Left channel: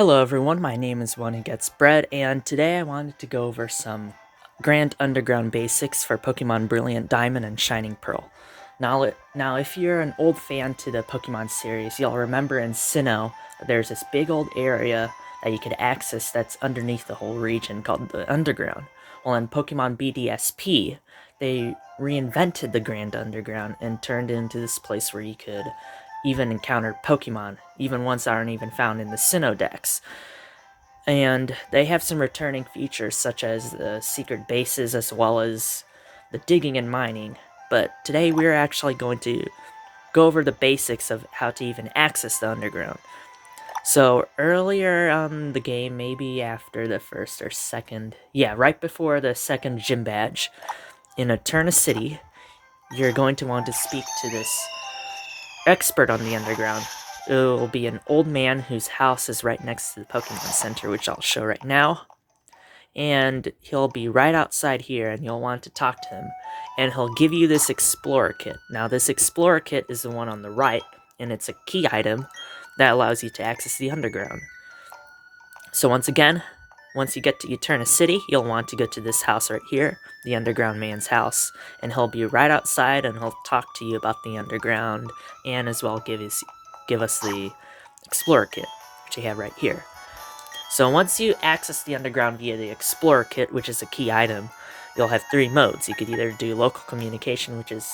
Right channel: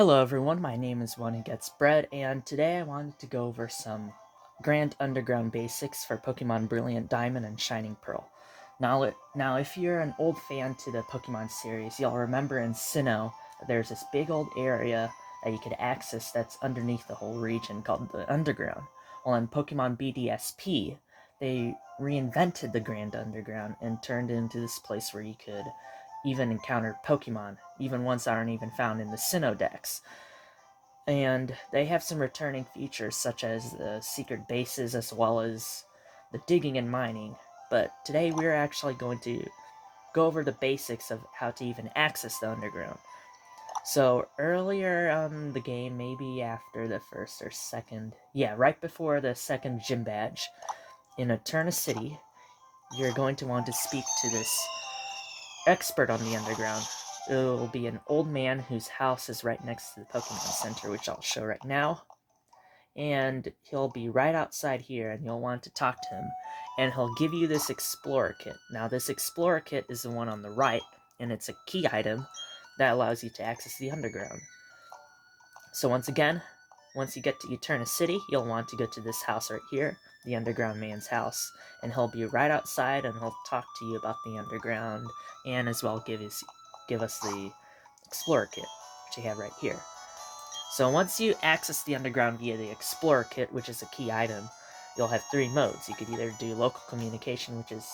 Hello everyone, my name is One Who Gets Bread, and today I wanted to go over some Grand Underground basics for Pokemon Brilliant Diamond and Shining Pearl. Now, if you're an old fan to the Pokemon series, you'll remember in Sinnoh, there's this big old area that you could access that's underneath the whole region called the Underground. Well, in Pokemon BDSP, they reinvented the Grand Underground and turned it into this place where you could even encounter Pokemon, even ones that aren't even found in the Sinnoh decks. And they have some returning features such as the secret bases as well as the digging and mining. But today we're actually going to go over the basics of how to even access the underground. So earlier on the game, maybe after the first or second, right before the second gym badge, in Eterna City, you're going to want to speak to this expert on the underground. It will be an old man whose house is right next to the Pokemon Center, which I'll show right now. And he'll be right outside here, and you'll want to talk to him. And he'll give you this Explorer Kit. Now, this Explorer Kit is the one on the right, and it's a key item that allows you to access the underground. So once again, once you get to Eterna City, you'll want to go to this house right here, the Underground Man's house, and he'll be right outside and he'll talk to you about the underground and as well give us the Explorer Kit, which you have right here. So once you access the underground via the Explorer Kit, which is a key item, you'll have three modes. You could either do local communication, which is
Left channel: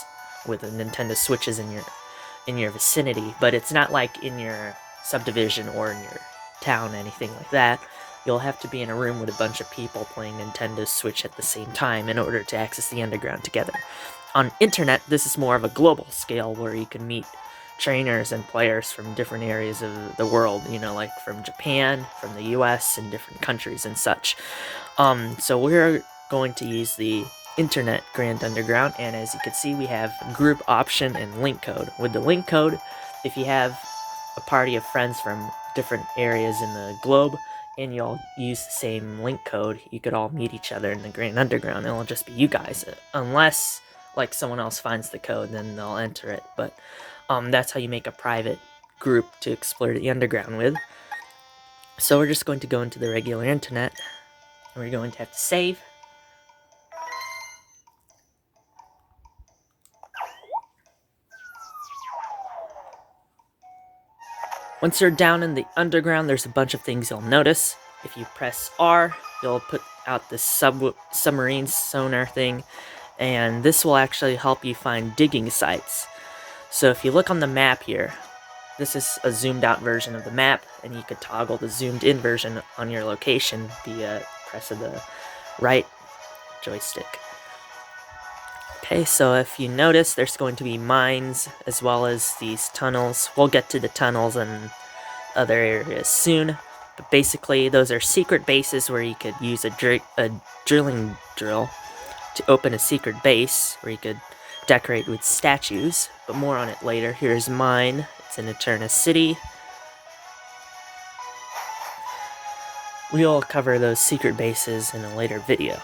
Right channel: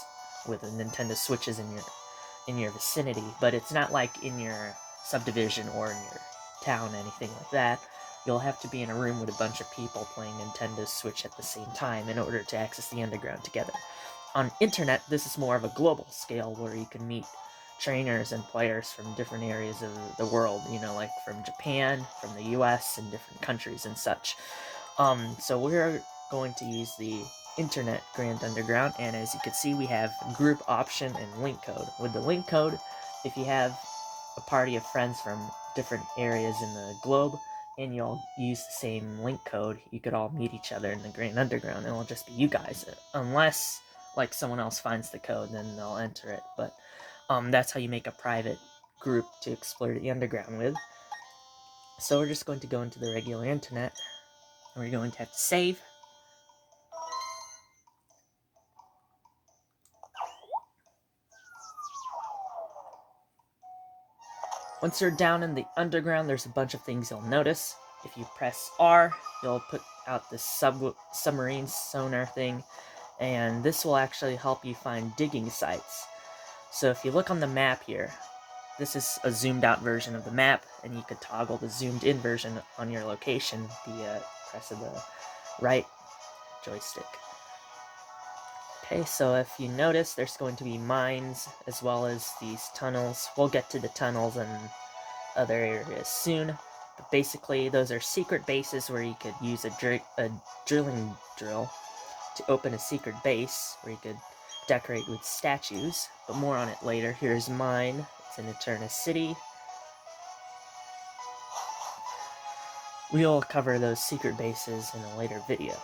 with the Nintendo Switches in your vicinity, but it's not like in your subdivision or in your town, anything like that. You'll have to be in a room with a bunch of people playing Nintendo Switch at the same time in order to access the underground together. On internet, this is more of a global scale where you can meet trainers and players from different areas of the world, like from Japan, from the US, and different countries and such. So we're going to use the Internet Grand Underground, and as you can see, we have group option and link code. With the link code, if you have a party of friends from different areas in the globe, and you all use the same link code, you could all meet each other in the Grand Underground, and it'll just be you guys, unless, like, someone else finds the code, then they'll enter it, but that's how you make a private group to explore the underground with. So we're just going to go into the regular internet, and we're going to have to save. Once you're down in the underground, there's a bunch of things you'll notice. If you press R, you'll put out this submarine sonar thing, and this will actually help you find digging sites. So if you look on the map here, this is a zoomed out version of the map, and you could toggle the zoomed in version on your location via press of the right joystick. Okay, so if you notice, there's going to be mines as well as these tunnels. We'll get to the tunnels and other areas soon, but basically those are secret bases where you could use a drilling drill to open a secret base where you could decorate with statues, but more on it later. Here's mine. It's in Eterna City. We'll cover those secret bases in a later video.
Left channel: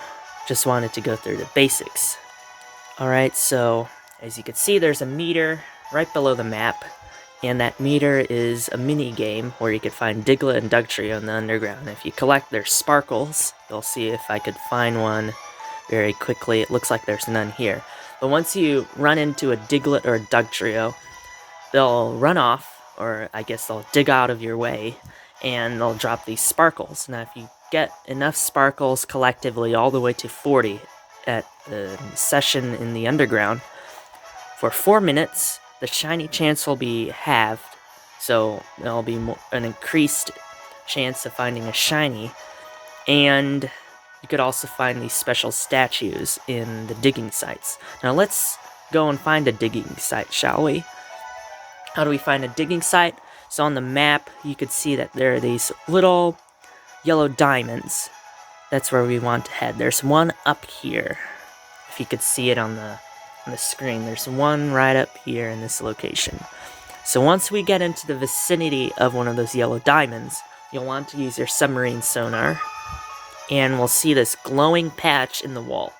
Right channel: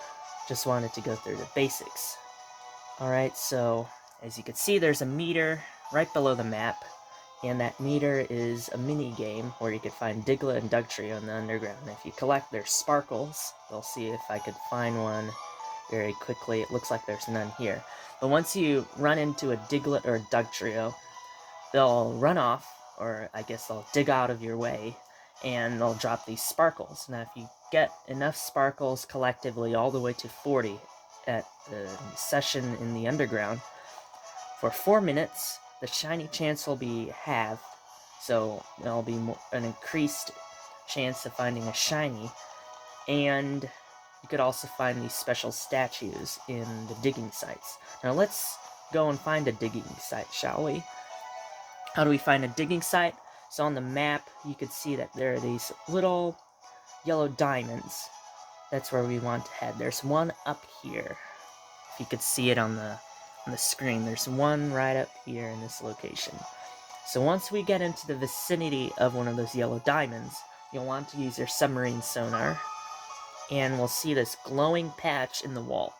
Just wanted to go through the basics. Alright, so as you can see, there's a meter right below the map, and that meter is a mini game where you could find Diglett and Dugtrio in the underground. If you collect their sparkles, you'll see if I could find one very quickly. It looks like there's none here. But once you run into a Diglett or a Dugtrio, they'll run off, or I guess they'll dig out of your way, and they'll drop these sparkles. Now, if you get enough sparkles collectively all the way to 40 at the session in the underground, for 4 minutes, the shiny chance will be halved, so there'll be an increased chance of finding a shiny, and you could also find these special statues in the digging sites. Now let's go and find a digging site, shall we? How do we find a digging site? So on the map, you could see that there are these little yellow diamonds. That's where we want to head. There's one up here. If you could see it on the screen, there's one right up here in this location. So once we get into the vicinity of one of those yellow diamonds, you'll want to use your submarine sonar, and we'll see this glowing patch in the wall.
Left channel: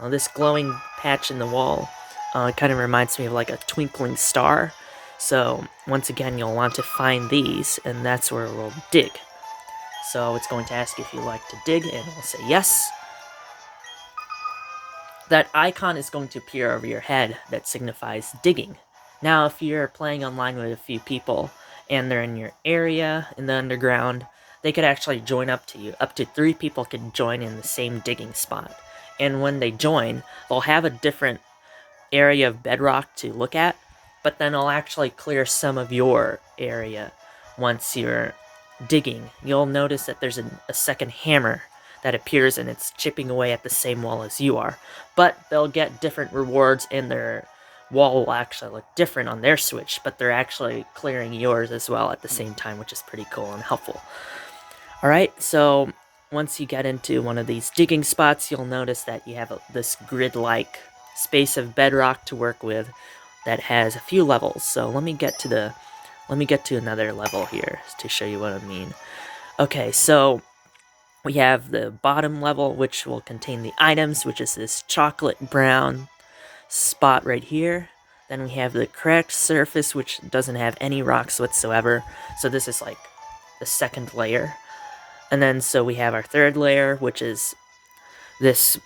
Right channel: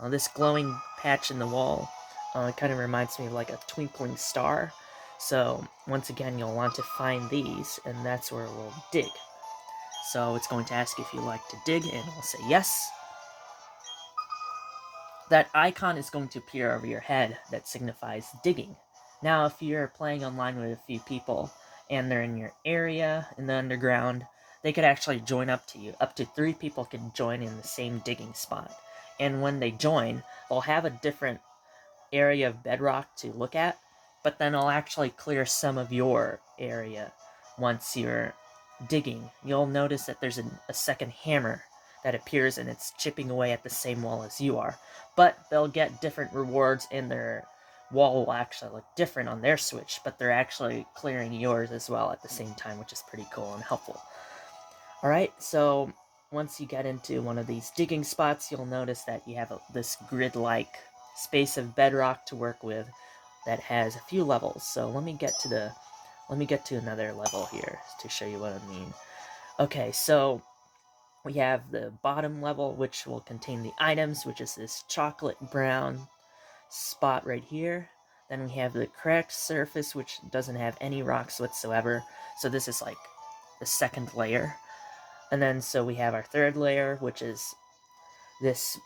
Now this glowing patch in the wall kind of reminds me of like a twinkling star. So once again, you'll want to find these, and that's where we'll dig. So it's going to ask if you like to dig, and we'll say yes. That icon is going to appear over your head that signifies digging. Now, if you're playing online with a few people and they're in your area in the underground, they could actually join up to you. Up to 3 people can join in the same digging spot. And when they join, they'll have a different area of bedrock to look at, but then I'll actually clear some of your area once you're digging. You'll notice that there's a second hammer that appears, and it's chipping away at the same wall as you are, but they'll get different rewards, and their wall will actually look different on their switch, but they're actually clearing yours as well at the same time, which is pretty cool and helpful. Alright, so once you get into one of these digging spots, you'll notice that you have this grid-like space of bedrock to work with that has a few levels. So let me get to another level here to show you what I mean. Okay, so we have the bottom level, which will contain the items, which is this chocolate brown spot right here. Then we have the cracked surface, which doesn't have any rocks whatsoever. So this is like the second layer. And then so we have our third layer, which is this,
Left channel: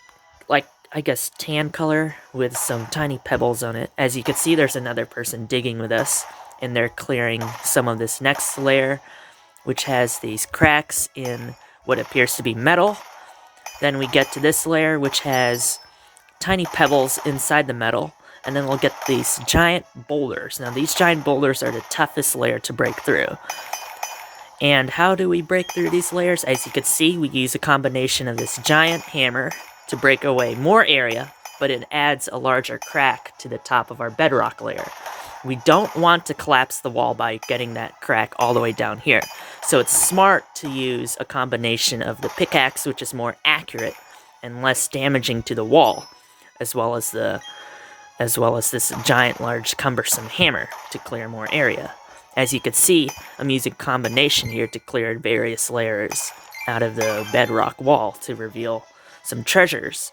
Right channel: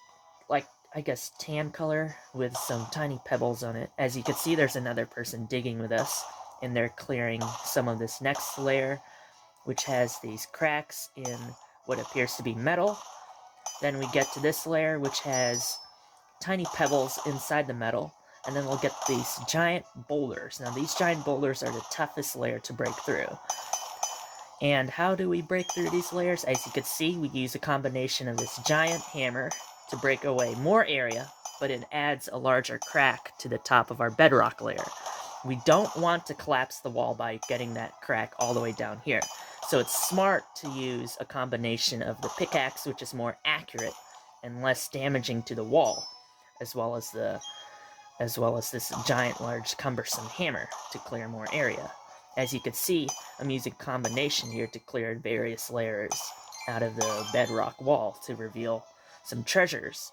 like, I guess tan color with some tiny pebbles on it. As you can see, there's another person digging with us, and they're clearing some of this next layer, which has these cracks in what appears to be metal. Then we get to this layer, which has tiny pebbles inside the metal, and then we'll get these giant boulders. Now, these giant boulders are the toughest layer to break through. And how do we break through these layers? As you can see, we use a combination of this giant hammer to break away more area, but it adds a larger crack to the top of our bedrock layer. We don't want to collapse the wall by getting that crack all the way down here. So it's smart to use a combination of the pickaxe, which is more accurate and less damaging to the wall, as well as this giant, large, cumbersome hammer to clear more area. As you can see, I'm using a combination here to clear various layers out of the bedrock wall to reveal some treasures.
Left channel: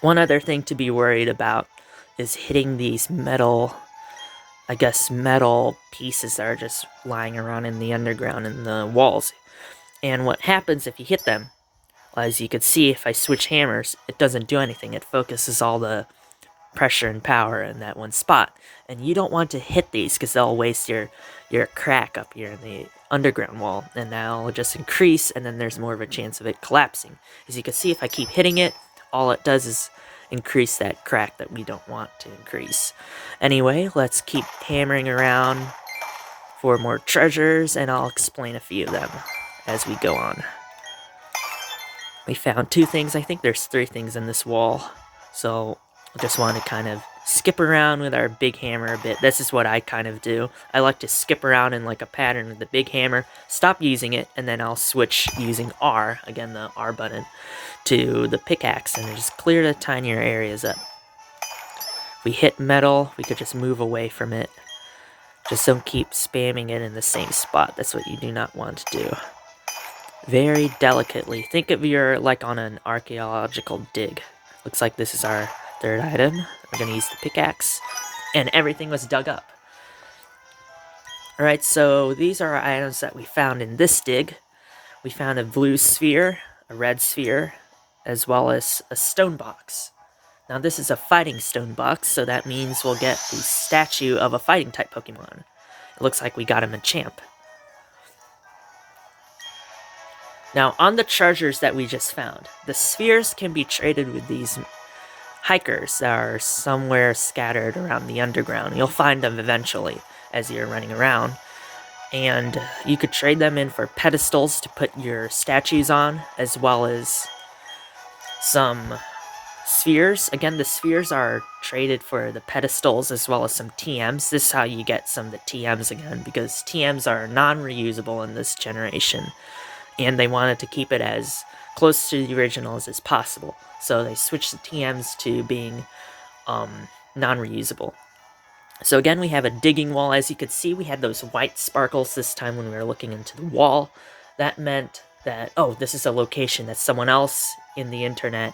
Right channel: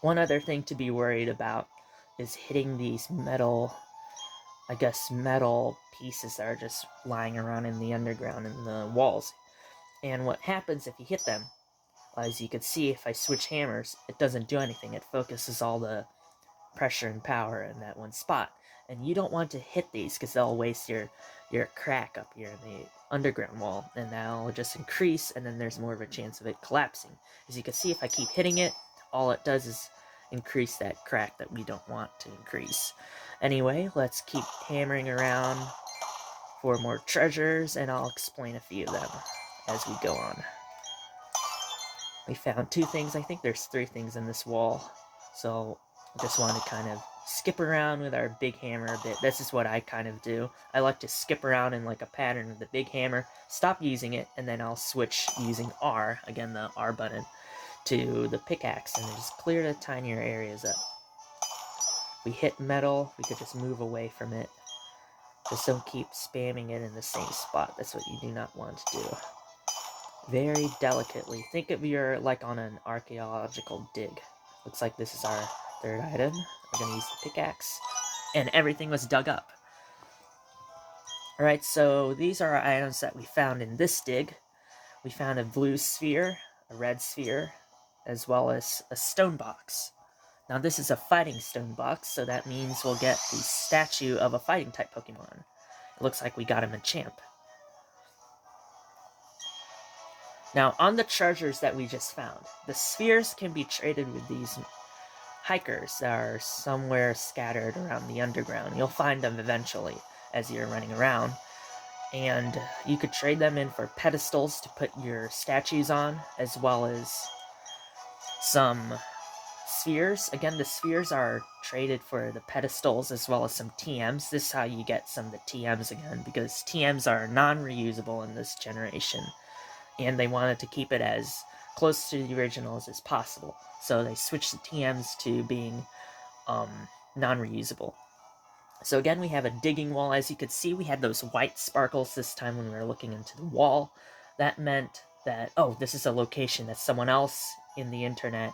One other thing to be worried about is hitting these metal pieces that are just lying around in the underground in the walls. And what happens if you hit them? Well, as you can see, if I switch hammers, it doesn't do anything. It focuses all the pressure and power in that one spot. And you don't want to hit these because they'll waste your crack up here in the underground wall, and that'll just increase, and then there's more of a chance of it collapsing. As you can see, if I keep hitting it, all it does is increase that crack that we don't want to increase. Anyway, let's keep hammering around for more treasures, and I'll explain a few of them as we go on. We found 2 things. I think there's 3 things in this wall, so I just want to kind of skip around with our big hammer a bit. This is what I kind of do. I like to skip around in like a pattern with the big hammer, stop using it, and then I'll switch using R, again the R button, to the pickaxe, and just clear the tinier areas up. If we hit metal, we could just move away from it. Just don't keep spamming it in the same spot. That's what you do not want to do. Very delicately. Think of your, like on an archaeological dig. Looks like this is our third item. We're going to use the pickaxe, and everything was dug up. Alright, so these are our items that we found in this dig. We found a blue sphere, a red sphere, as well as a stone box. Now this is a fighting stone box, so that means we'll get the statue of a fighting type Pokemon. It looks like we got him a champ. Now, on the treasures that we just found, the spheres can be traded with these hikers that are somewhere scattered around the underground. You'll find them eventually as you're running around, and you could trade them in for pedestals to put your statues on, as well as some spheres. Again, the spheres are traded for the pedestals as well as some TMs. This is how you get some of the TMs again, because TMs are non-reusable in this generation, and they wanted to keep it as close to the originals as possible. So they switched the TMs to being non-reusable. So again, we have a digging wall. As you could see, we had those white sparkles this time when we were looking into the wall. That meant that, oh, this is a location that someone else in the internet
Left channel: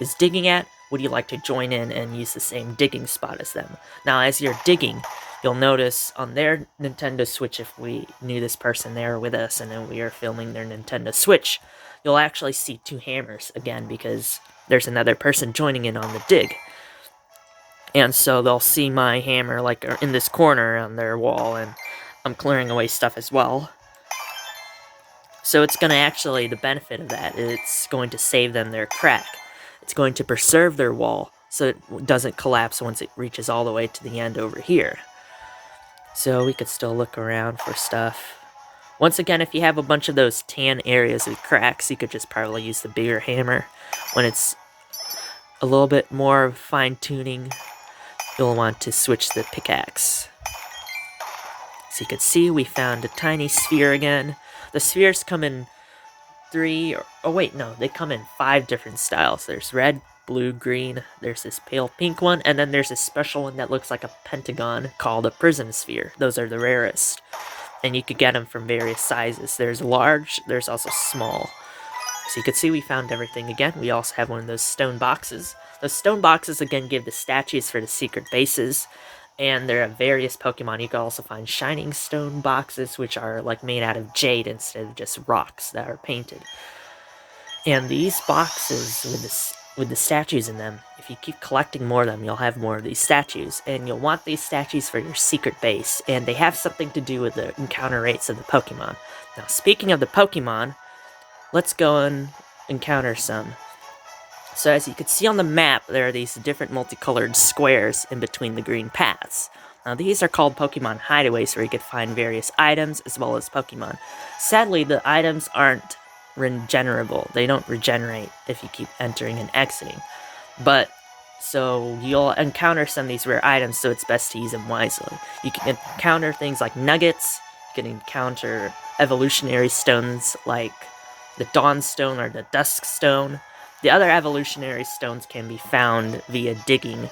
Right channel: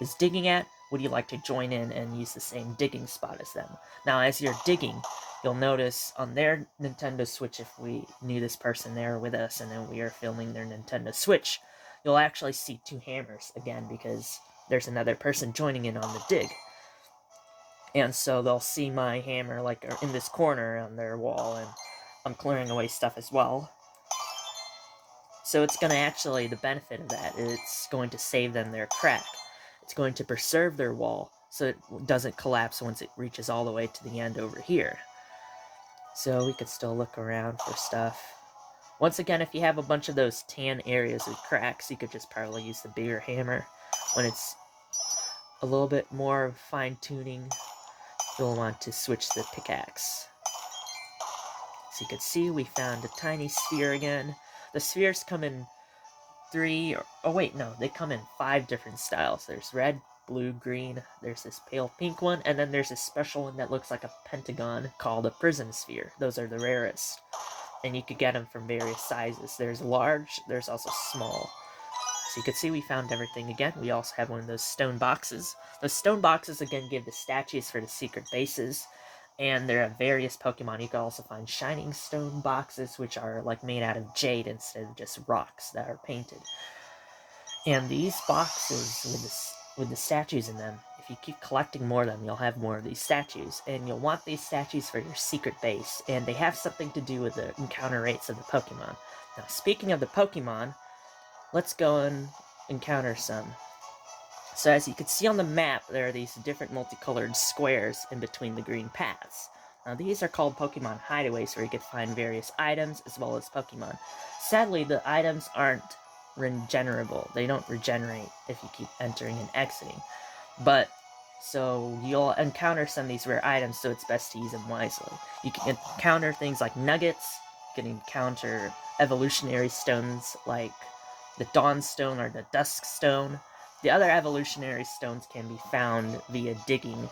is digging at. would you like to join in and use the same digging spot as them? Now, as you're digging, you'll notice on their Nintendo Switch, if we knew this person there with us and then we are filming their Nintendo Switch, you'll actually see 2 hammers again because there's another person joining in on the dig. And so they'll see my hammer like in this corner on their wall, and I'm clearing away stuff as well. So it's going to actually, the benefit of that, it's going to save them their crack. It's going to preserve their wall so it doesn't collapse once it reaches all the way to the end over here. So we could still look around for stuff. Once again, if you have a bunch of those tan areas with cracks, you could just probably use the bigger hammer. When it's a little bit more fine-tuning, you'll want to switch the pickaxe. So you can see we found a tiny sphere again. The spheres come in 3, they come in 5 different styles. There's red, blue, green, there's this pale pink one, and then there's this special one that looks like a pentagon called a prism sphere. Those are the rarest. And you could get them from various sizes. There's large, there's also small. So you can see we found everything again. We also have one of those stone boxes. Those stone boxes again give the statues for the secret bases. And there are various Pokemon. You can also find shining stone boxes, which are like made out of jade instead of just rocks that are painted. And these boxes with the statues in them, if you keep collecting more of them, you'll have more of these statues. And you'll want these statues for your secret base. And they have something to do with the encounter rates of the Pokemon. Now, speaking of the Pokemon, let's go and encounter some. So as you can see on the map, there are these different multicolored squares in between the green paths. Now these are called Pokemon hideaways, where you can find various items as well as Pokemon. Sadly, the items aren't regenerable. They don't regenerate if you keep entering and exiting. But, so you'll encounter some of these rare items, so it's best to use them wisely. You can encounter things like nuggets, you can encounter evolutionary stones like the Dawn Stone or the Dusk Stone. The other evolutionary stones can be found via digging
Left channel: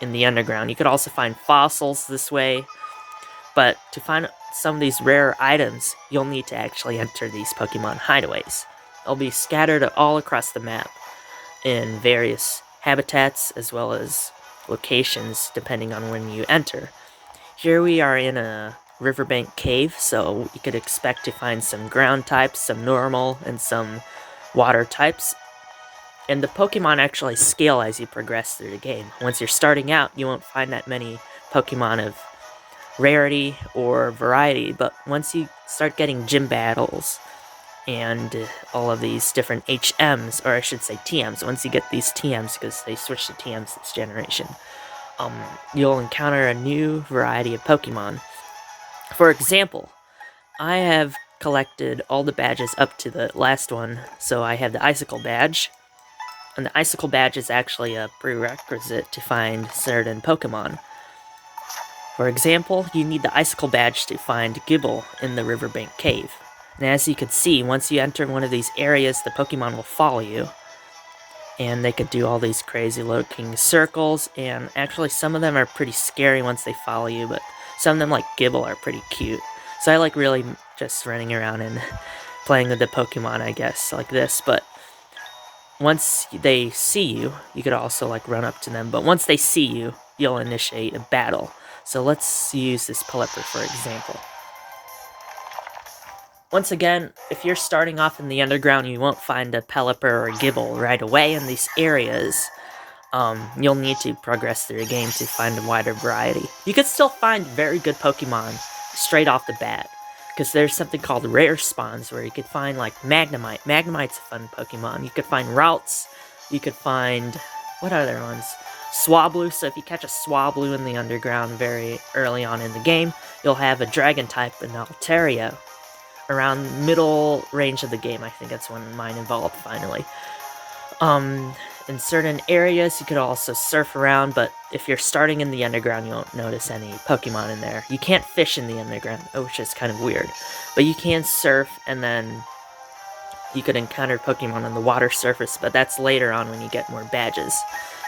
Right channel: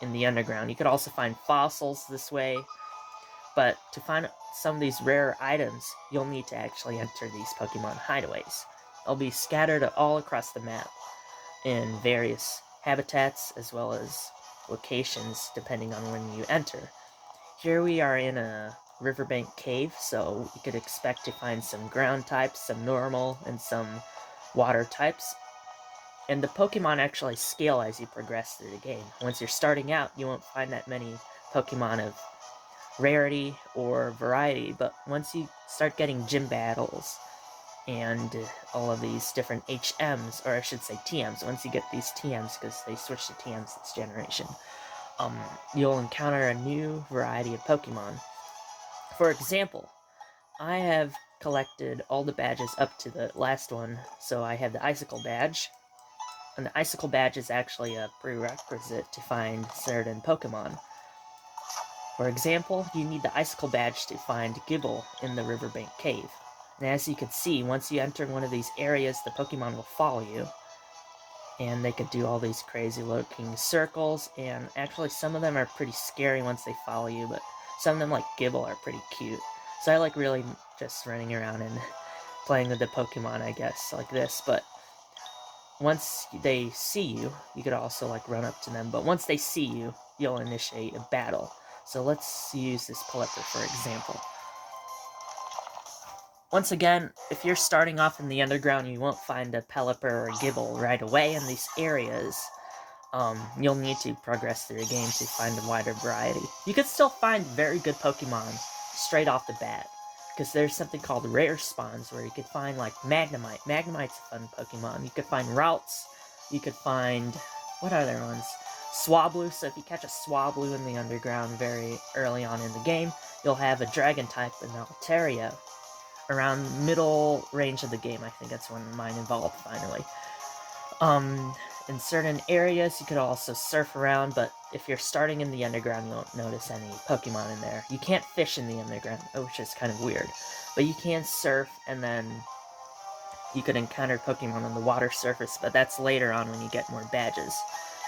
in the underground. You could also find fossils this way, but to find some of these rare items, you'll need to actually enter these Pokemon hideaways. They'll be scattered all across the map in various habitats as well as locations depending on when you enter. Here we are in a riverbank cave, so you could expect to find some ground types, some normal, and some water types. And the Pokemon actually scale as you progress through the game. Once you're starting out, you won't find that many Pokemon of rarity or variety, but once you start getting gym battles and all of these different HMs, or I should say TMs, once you get these TMs, because they switched to TMs this generation, you'll encounter a new variety of Pokemon. For example, I have collected all the badges up to the last one, so I have the Icicle badge. And the Icicle badge is actually a prerequisite to find certain Pokemon. For example, you need the Icicle badge to find Gible in the Riverbank Cave. And as you can see, once you enter one of these areas, the Pokemon will follow you. And they could do all these crazy looking circles, and actually some of them are pretty scary once they follow you, but some of them, like Gible, are pretty cute. So I like really just running around and playing with the Pokemon, I guess, like this, but once they see you, you could also like run up to them, but once they see you, you'll initiate a battle. So let's use this Pelipper for example. Once again, if you're starting off in the underground, you won't find a Pelipper or a Gible right away in these areas. You'll need to progress through the game to find a wider variety. You could still find very good Pokemon straight off the bat, because there's something called rare spawns where you could find like Magnemite. Magnemite's a fun Pokemon. You could find Ralts. You could find, what other ones? Swablu. So if you catch a Swablu in the underground very early on in the game, you'll have a Dragon type in Altaria. Around middle range of the game, I think that's when mine evolved finally. In certain areas, you could also surf around, but if you're starting in the underground, you won't notice any Pokemon in there. You can't fish in the underground, which is kind of weird. But you can surf, and then you could encounter Pokemon on the water surface, but that's later on when you get more badges.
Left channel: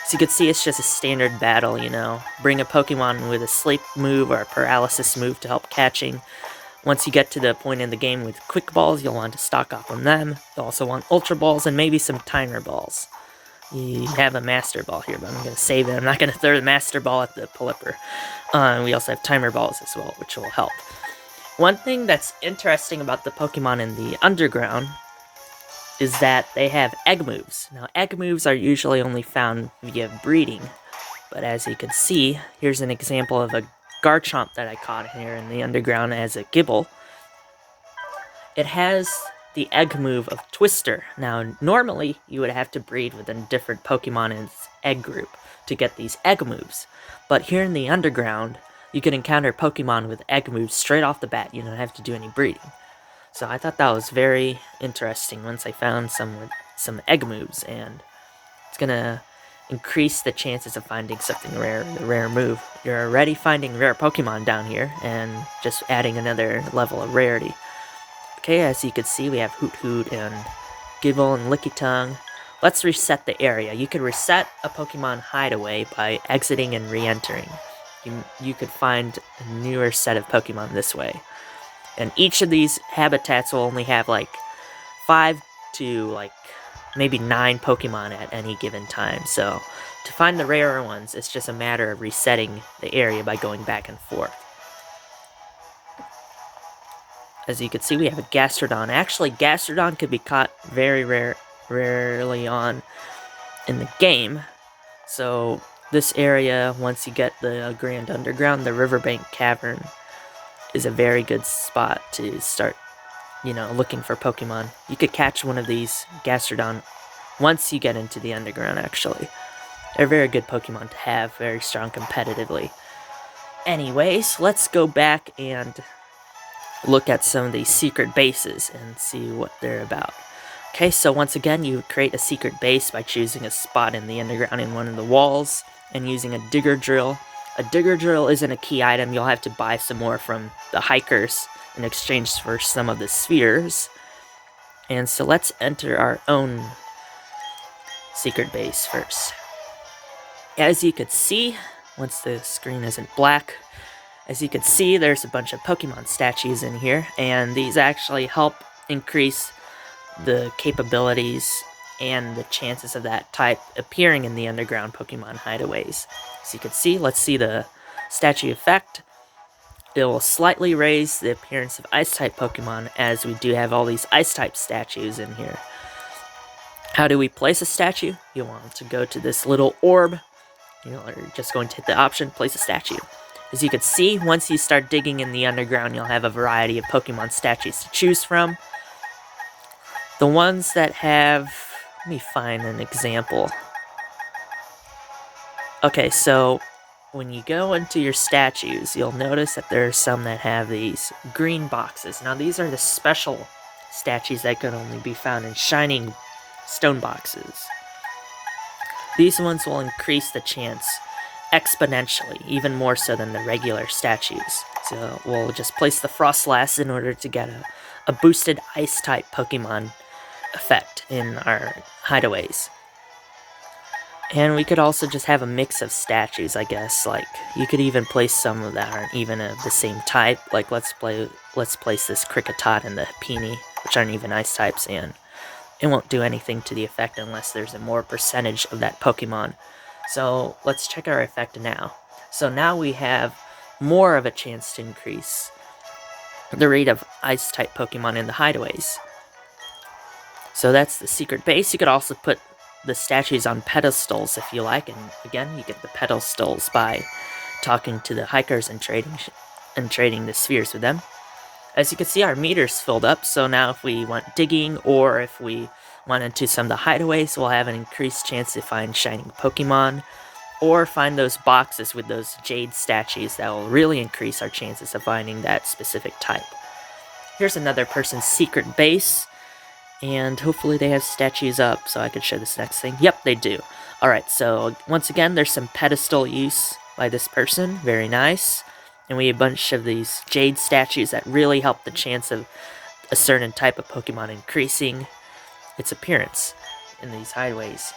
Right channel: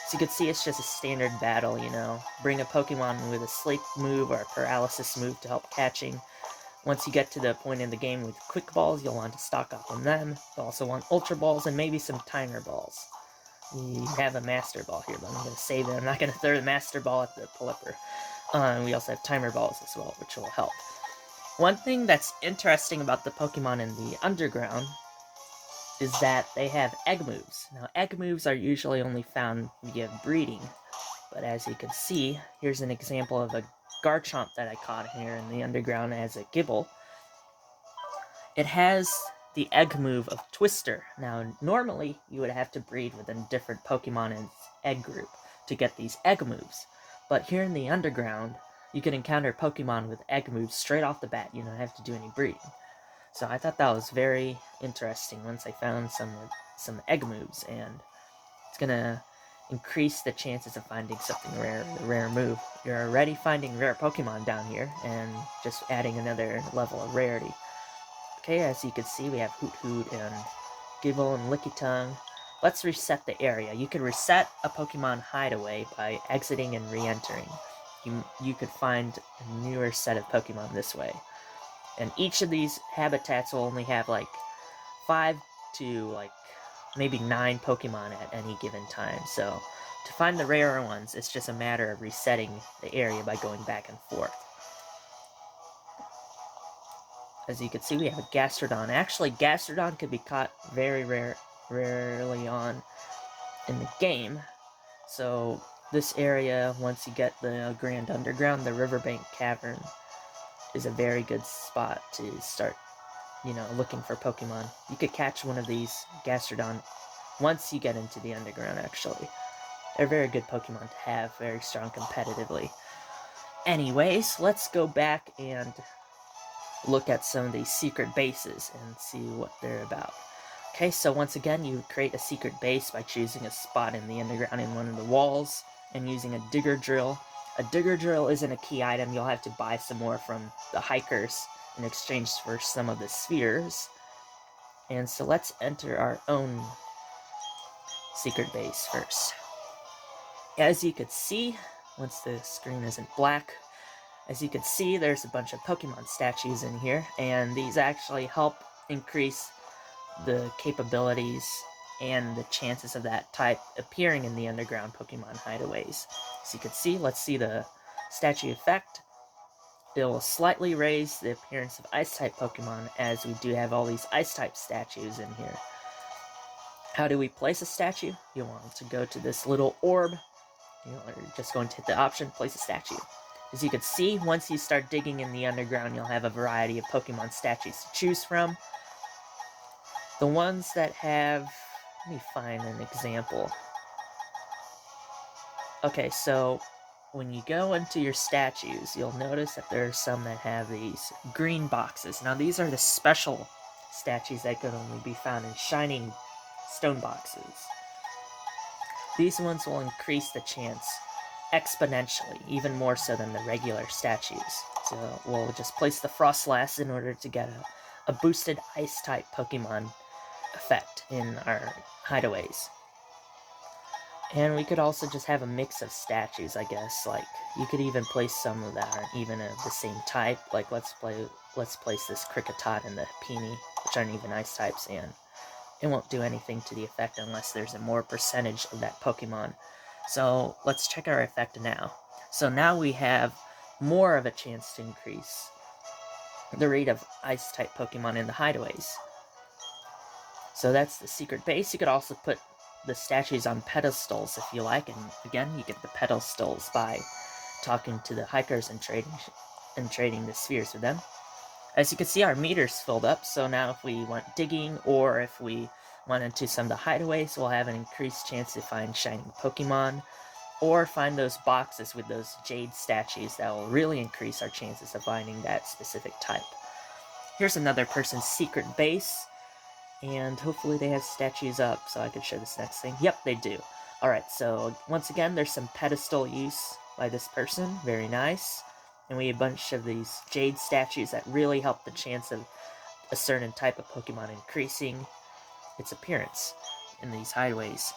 So you can see it's just a standard battle, you know. Bring a Pokemon with a sleep move or a paralysis move to help catching. Once you get to the point in the game with Quick Balls, you'll want to stock up on them. You'll also want Ultra Balls and maybe some Timer Balls. You have a Master Ball here, but I'm going to save it. I'm not going to throw the Master Ball at the Pelipper. We also have Timer Balls as well, which will help. One thing that's interesting about the Pokemon in the Underground is that they have egg moves. Now, egg moves are usually only found via breeding, but as you can see, here's an example of a Garchomp that I caught here in the Underground as a Gible. It has the egg move of Twister. Now, normally, you would have to breed with a different Pokemon in its egg group to get these egg moves, but here in the Underground, you can encounter Pokemon with egg moves straight off the bat. You don't have to do any breeding. So I thought that was very interesting once I found some egg moves, and it's gonna increase the chances of finding something rare, a rare move. You're already finding rare Pokemon down here, and just adding another level of rarity. Okay, as you can see, we have Hoot Hoot and Gible and Lickitung. Let's reset the area. You can reset a Pokemon hideaway by exiting and re-entering. You could find a newer set of Pokemon this way. And each of these habitats will only have like 5 to like maybe 9 Pokemon at any given time. So to find the rarer ones, it's just a matter of resetting the area by going back and forth. As you can see, we have a Gastrodon. Actually, Gastrodon could be caught very rarely on in the game. So this area, once you get the Grand Underground, the Riverbank Cavern is a very good spot to start, looking for Pokemon. You could catch one of these Gastrodon once you get into the Underground, actually. They're very good Pokemon to have, very strong competitively. Anyways, let's go back and look at some of these secret bases and see what they're about. Okay, so once again, you create a secret base by choosing a spot in the Underground in one of the walls and using a Digger Drill. A Digger Drill isn't a key item. You'll have to buy some more from the hikers in exchange for some of the spheres. And so let's enter our own secret base first. As you could see, once the screen isn't black, as you can see, there's a bunch of Pokemon statues in here, and these actually help increase the capabilities and the chances of that type appearing in the Underground Pokemon hideaways. So you can see, let's see the statue effect. It will slightly raise the appearance of Ice-type Pokemon, as we do have all these Ice-type statues in here. How do we place a statue? You want to go to this little orb. You're just going to hit the option, place a statue. As you can see, once you start digging in the Underground, you'll have a variety of Pokemon statues to choose from. The ones that have... let me find an example. Okay, so when you go into your statues, you'll notice that there are some that have these green boxes. Now, these are the special statues that can only be found in shining stone boxes. These ones will increase the chance exponentially, even more so than the regular statues. So we'll just place the Frostlass in order to get a boosted Ice-type Pokemon effect in our hideaways. And we could also just have a mix of statues, I guess. Like, you could even place some that aren't even of the same type. Like, let's place this Kricketot and the Peony, which aren't even Ice types, and it won't do anything to the effect unless there's a more percentage of that Pokemon. So let's check our effect now. So now we have more of a chance to increase the rate of Ice-type Pokemon in the hideaways. So that's the secret base. You could also put the statues on pedestals if you like, and again, you get the pedestals by talking to the hikers and trading the spheres with them. As you can see, our meter's filled up, so now if we want digging, or if we went into some of the hideaways, we'll have an increased chance to find shining Pokemon, or find those boxes with those jade statues that will really increase our chances of finding that specific type. Here's another person's secret base, and hopefully they have statues up so I can show this next thing. Yep, they do. Alright, so once again, there's some pedestal use by this person. Very nice. And we have a bunch of these jade statues that really help the chance of a certain type of Pokemon increasing its appearance in these hideaways.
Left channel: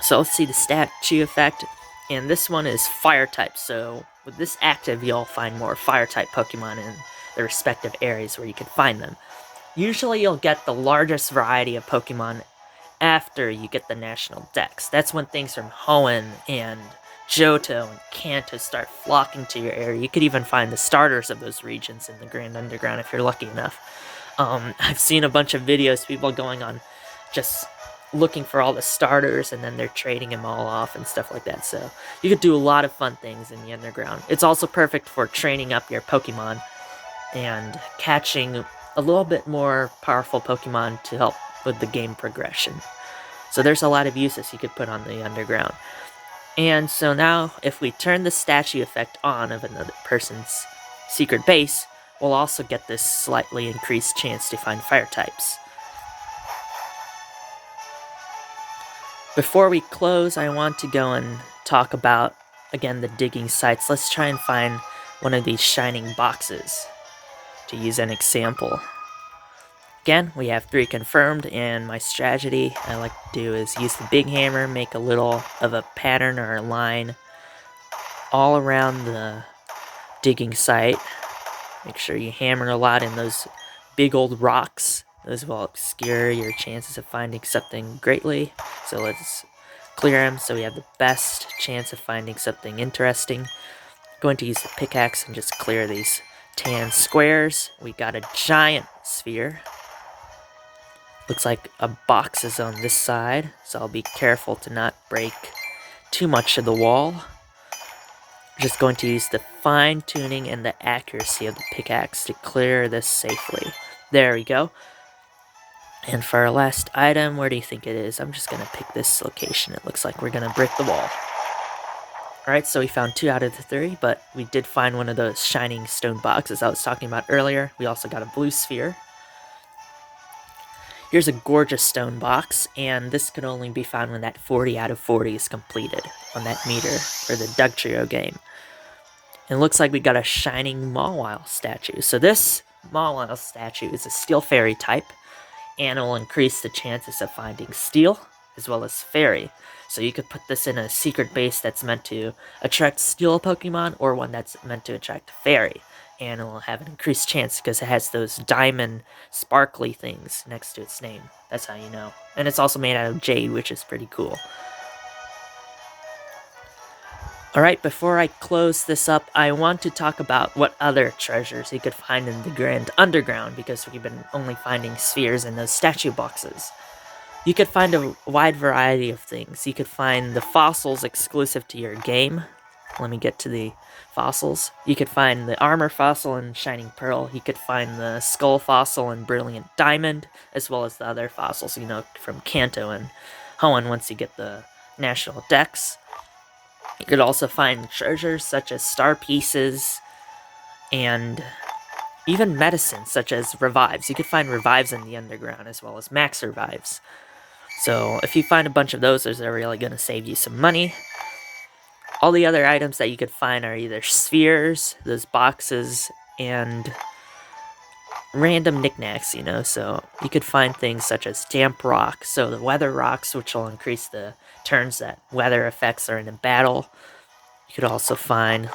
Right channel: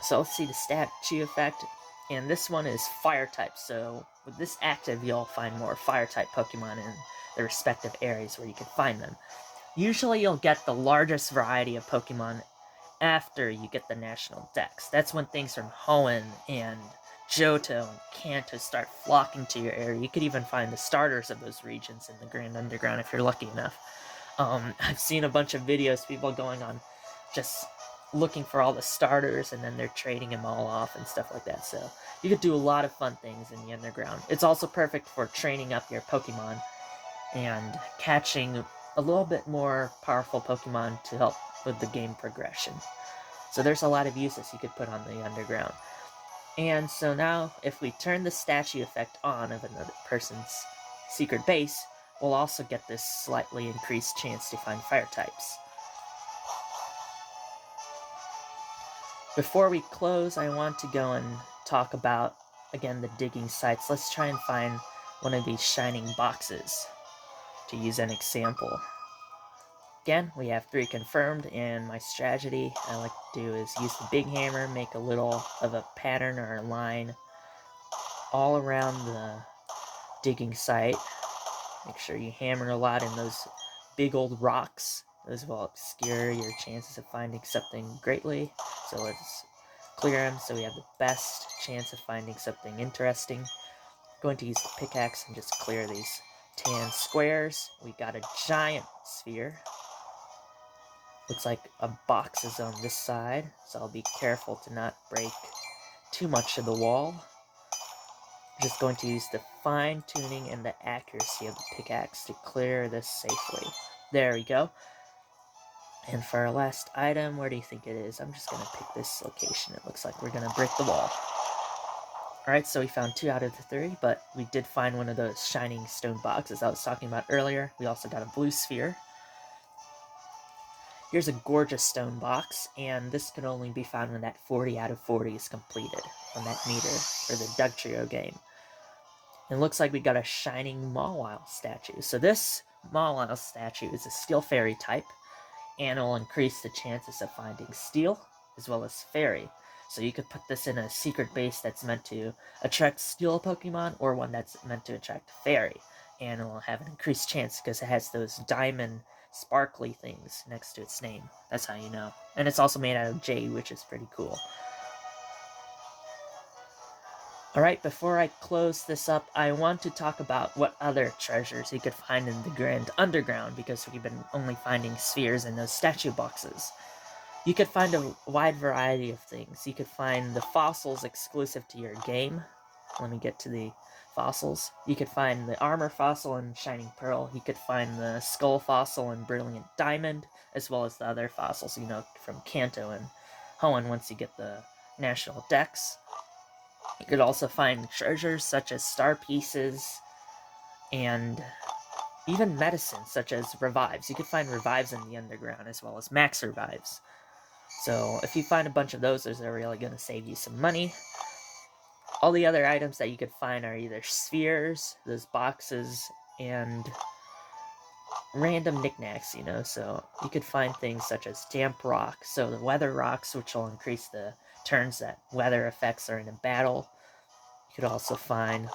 So let's see the statue effect. And this one is fire type, so with this active, you'll find more fire type Pokemon in the respective areas where you can find them. Usually you'll get the largest variety of Pokemon after you get the national dex. That's when things from Hoenn and Johto and Kanto start flocking to your area. You could even find the starters of those regions in the Grand Underground if you're lucky enough. I've seen a bunch of videos, people going on just looking for all the starters, and then they're trading them all off and stuff like that. So you could do a lot of fun things in the Underground. It's also perfect for training up your Pokemon and catching a little bit more powerful Pokemon to help with the game progression. So there's a lot of uses you could put on the Underground. And so now, if we turn the statue effect on of another person's secret base, we'll also get this slightly increased chance to find fire types. Before we close, I want to go and talk about, again, the digging sites. Let's try and find one of these shining boxes to use an example. Again, we have 3 confirmed, and my strategy I like to do is use the big hammer, make a little of a pattern or a line all around the digging site. Make sure you hammer a lot in those big old rocks. Those will obscure your chances of finding something greatly. So let's clear them so we have the best chance of finding something interesting. I'm going to use the pickaxe and just clear these tan squares. We got a giant sphere. Looks like a box is on this side, so I'll be careful to not break too much of the wall. Just going to use the fine tuning and the accuracy of the pickaxe to clear this safely. There we go. And for our last item, where do you think it is? I'm just going to pick this location. It looks like we're going to break the wall. Alright, so we found 2 out of the 3, but we did find one of those shining stone boxes I was talking about earlier. We also got a blue sphere. Here's a gorgeous stone box, and this could only be found when that 40 out of 40 is completed on that meter for the Dugtrio game. And it looks like we got a shining Maul statue. So this Maul statue is a steel fairy type, and it will increase the chances of finding steel as well as fairy. So you could put this in a secret base that's meant to attract steel Pokemon, or one that's meant to attract fairy. And it will have an increased chance because it has those diamond sparkly things next to its name. That's how you know. And it's also made out of jade, which is pretty cool. Alright, before I close this up, I want to talk about what other treasures you could find in the Grand Underground, because we've been only finding spheres in those statue boxes. You could find a wide variety of things. You could find the fossils exclusive to your game. Let me get to the fossils. You could find the armor fossil in Shining Pearl. You could find the skull fossil in Brilliant Diamond, as well as the other fossils, you know, from Kanto and Hoenn once you get the national dex. You could also find treasures such as star pieces and even medicines such as revives. You could find revives in the Underground as well as max revives. So if you find a bunch of those are really going to save you some money. All the other items that you could find are either spheres, those boxes, and random knickknacks, you know. So you could find things such as damp rock, so the weather rocks, which will increase the turns that weather effects are in a battle. You could also find,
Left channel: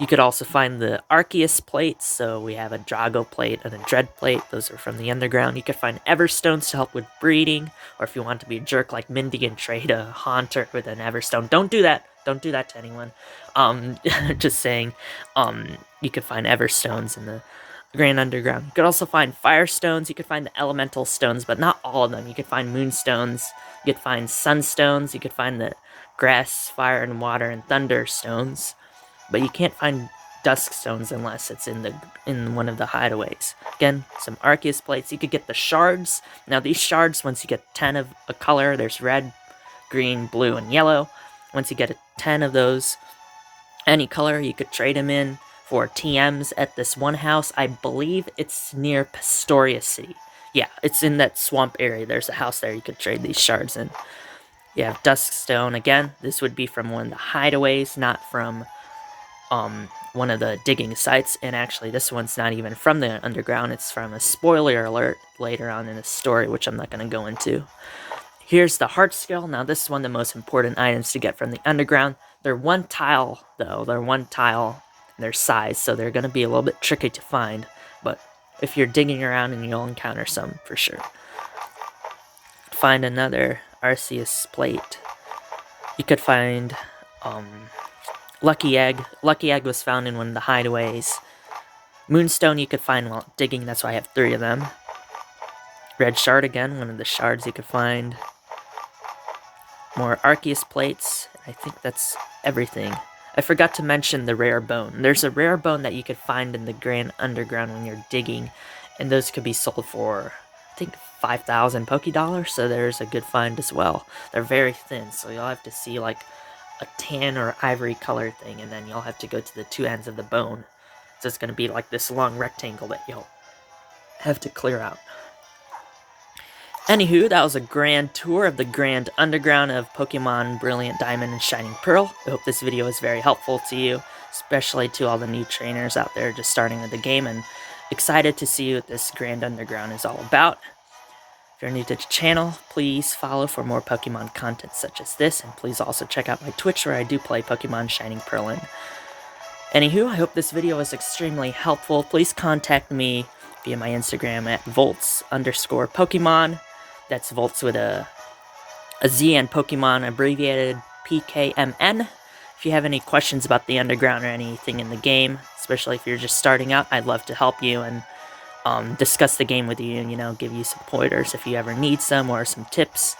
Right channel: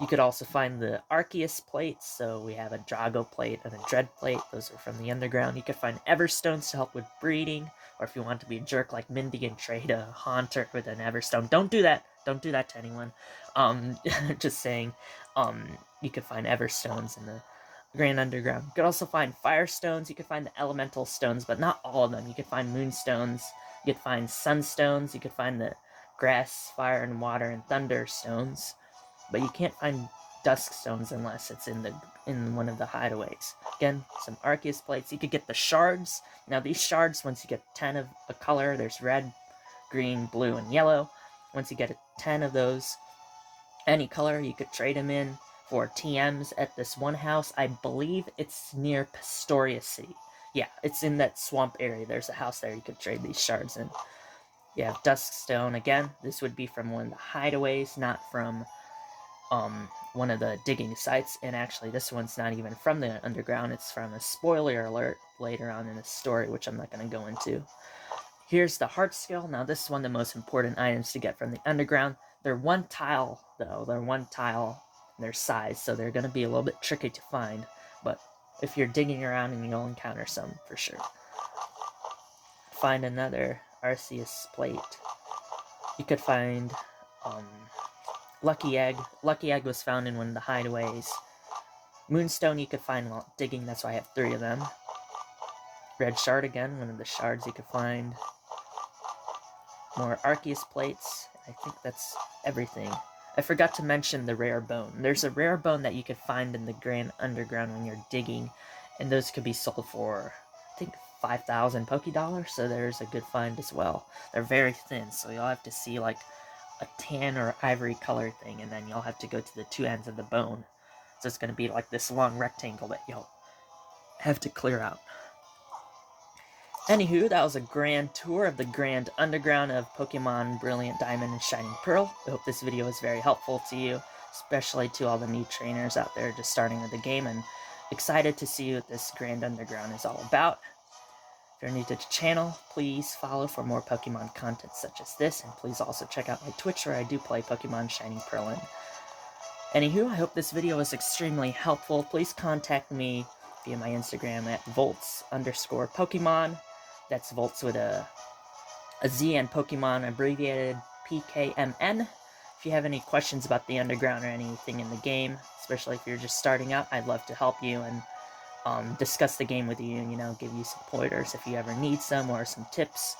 you could also find the Arceus plates, so we have a Drago plate and a Dread plate, those are from the Underground. You could find Everstones to help with breeding, or if you want to be a jerk like Mindy and trade a Haunter with an Everstone, don't do that to anyone. Just saying, you could find Everstones in the Grand Underground. You could also find Firestones, you could find the Elemental Stones, but not all of them. You could find Moonstones, you could find Sunstones, you could find the Grass, Fire, and Water, and Thunder stones, but you can't find Dusk Stones unless it's in one of the hideaways. Again, some Arceus plates. You could get the shards. Now these shards, once you get 10 of a color, there's red, green, blue, and yellow. Once you get 10 of those, any color, you could trade them in for TMs at this one house. I believe it's near Pastoria City. Yeah, it's in that swamp area. There's a house there you could trade these shards in. You have Dusk Stone. Again, this would be from one of the hideaways, not from one of the digging sites. And actually, this one's not even from the Underground. It's from a spoiler alert later on in the story, which I'm not going to go into. Here's the Heart Skill. Now, this is one of the most important items to get from the Underground. They're 1 tile, though. They're 1 tile in their size, so they're going to be a little bit tricky to find. But if you're digging around, and you'll encounter some for sure. find another Arceus plate. You could find Lucky Egg. Lucky Egg was found in one of the hideaways. Moonstone you could find while digging, that's why I have 3 of them. Red Shard again, one of the shards you could find. More Arceus plates. I think that's everything. I forgot to mention the rare bone. There's a rare bone that you could find in the Grand Underground when you're digging, and those could be sold for, I think, 5,000 Pokédollars, so there's a good find as well. They're very thin, so you'll have to see like a tan or ivory color thing, and then you'll have to go to the 2 ends of the bone. So it's going to be like this long rectangle that you'll have to clear out. Anywho, that was a grand tour of the Grand Underground of Pokemon Brilliant Diamond and Shining Pearl. I hope this video was very helpful to you, especially to all the new trainers out there just starting with the game, and excited to see what this Grand Underground is all about. If you're new to the channel, please follow for more Pokemon content such as this, and please also check out my Twitch where I do play Pokemon Shining Pearl in. Anywho, I hope this video was extremely helpful. Please contact me via my Instagram at volts_Pokemon. That's Volts with a Z and Pokemon abbreviated PKMN. If you have any questions about the Underground or anything in the game, especially if you're just starting out, I'd love to help you and discuss the game with you and, you know, give you some pointers if you ever need some or some tips.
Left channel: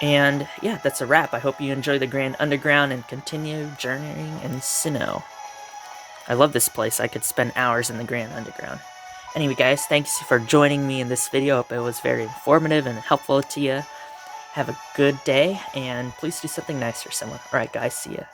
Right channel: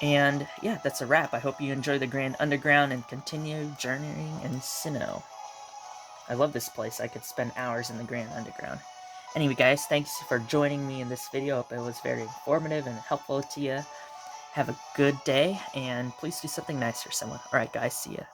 And yeah, that's a wrap. I hope you enjoy the Grand Underground and continue journeying in Sinnoh. I love this place. I could spend hours in the Grand Underground. Anyway, guys, thanks for joining me in this video. Hope it was very informative and helpful to you. Have a good day, and please do something nice for someone. Alright, guys, see ya.